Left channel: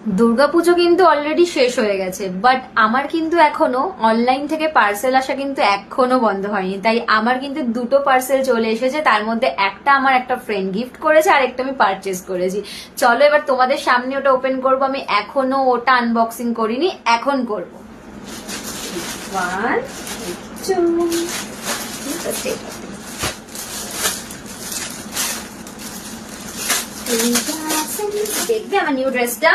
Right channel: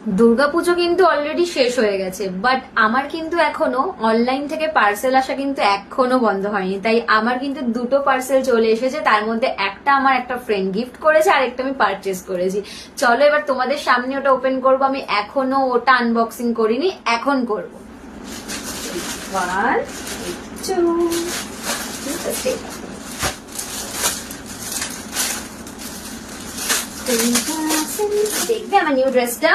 দুর্গাপুজো কিন্তু অলরেডি শেষ হয়ে গেছে, বাট আমার কিন্তু এখনো অনলাইন থেকে পার্সেল আসা কিন্তু এখনো বন্ধ হয়নি। তাই আমার কিন্তু দুটো পার্সেল চলে এসেছে, তার মধ্যে একটা আমার একটা ফ্রেন্ড গিফট করেছে আর একটা আমি পারচেজ করেছি। চলো এবার তোমাদের সামনে ওটা ওপেন করবো। আমি এখনো ওটা আনবক্সিং করিনি, এখন করবো। দেখবে আমার নিউ ড্রেসটা।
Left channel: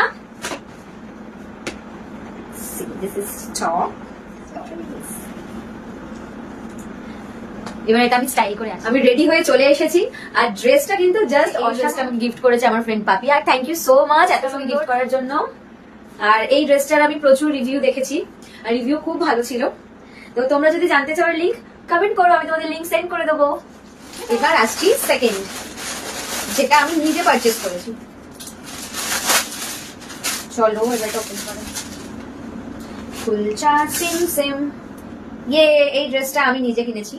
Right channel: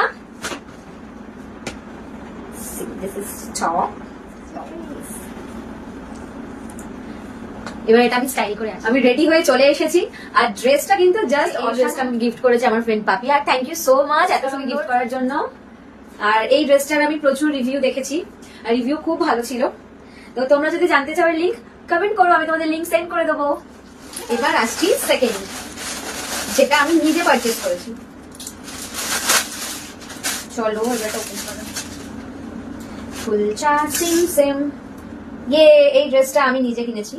This is top. এবার এটা আমি স্টাইল করে আমি রেডি হয়ে চলে এসেছি। আর ড্রেসটা কিন্তু জাস্ট ড্রেসটা আমি গিফট করেছি আমার ফ্রেন্ড পাপি। আর থ্যাংক ইউ সো মাচ এত সুন্দর গিফট করার জন্য। আর এই ড্রেসটার আমি প্রচুর রিভিউ দেখেছি, আর রিভিউ খুব ভালো ছিল। তো তোমরা যদি জানতে চাও লিঙ্ক কমেন্ট করো, আমি তোমাদের লিঙ্ক সেন্ড করে দেবো। এবার আসছি সেকেন্ড, যেটা আমি নিজে পারচেজ করেছি। চলো এবারটা ওপেন করো। ফুল চার্জিং সেম। এই ড্রেসটা আমি নিজে কিনেছি।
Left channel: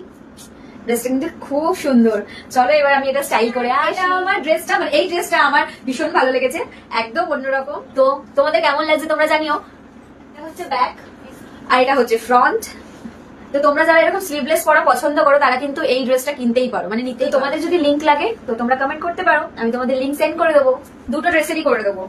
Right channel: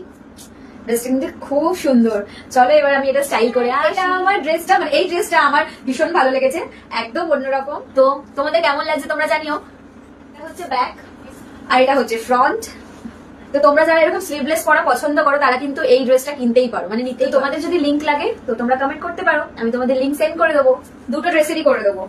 ড্রেসটা কিন্তু খুব সুন্দর। চলো এবার আমি এটা স্টাইল করে। আর এটা আমার ড্রেসটা, মানে এই ড্রেসটা আমার ভীষণ ভালো লেগেছে, একদম অন্যরকম। তো তোমাদের কেমন লাগছে তোমরা জানিও। এটা হচ্ছে ব্যাক আর এটা হচ্ছে ফ্রন্ট। তো তোমরা যারা এরকম স্লিভলেস পরা পছন্দ করো তারা কিন্তু এই ড্রেসটা কিনতেই পারো, মানে নিতেই। তোমাদের যদি লিঙ্ক লাগে তো তোমরা কমেন্ট করতে পারো, আমি তোমাদের লিঙ্ক সেন্ড করে দেবো। দুটো ড্রেসেরই করে দেবো।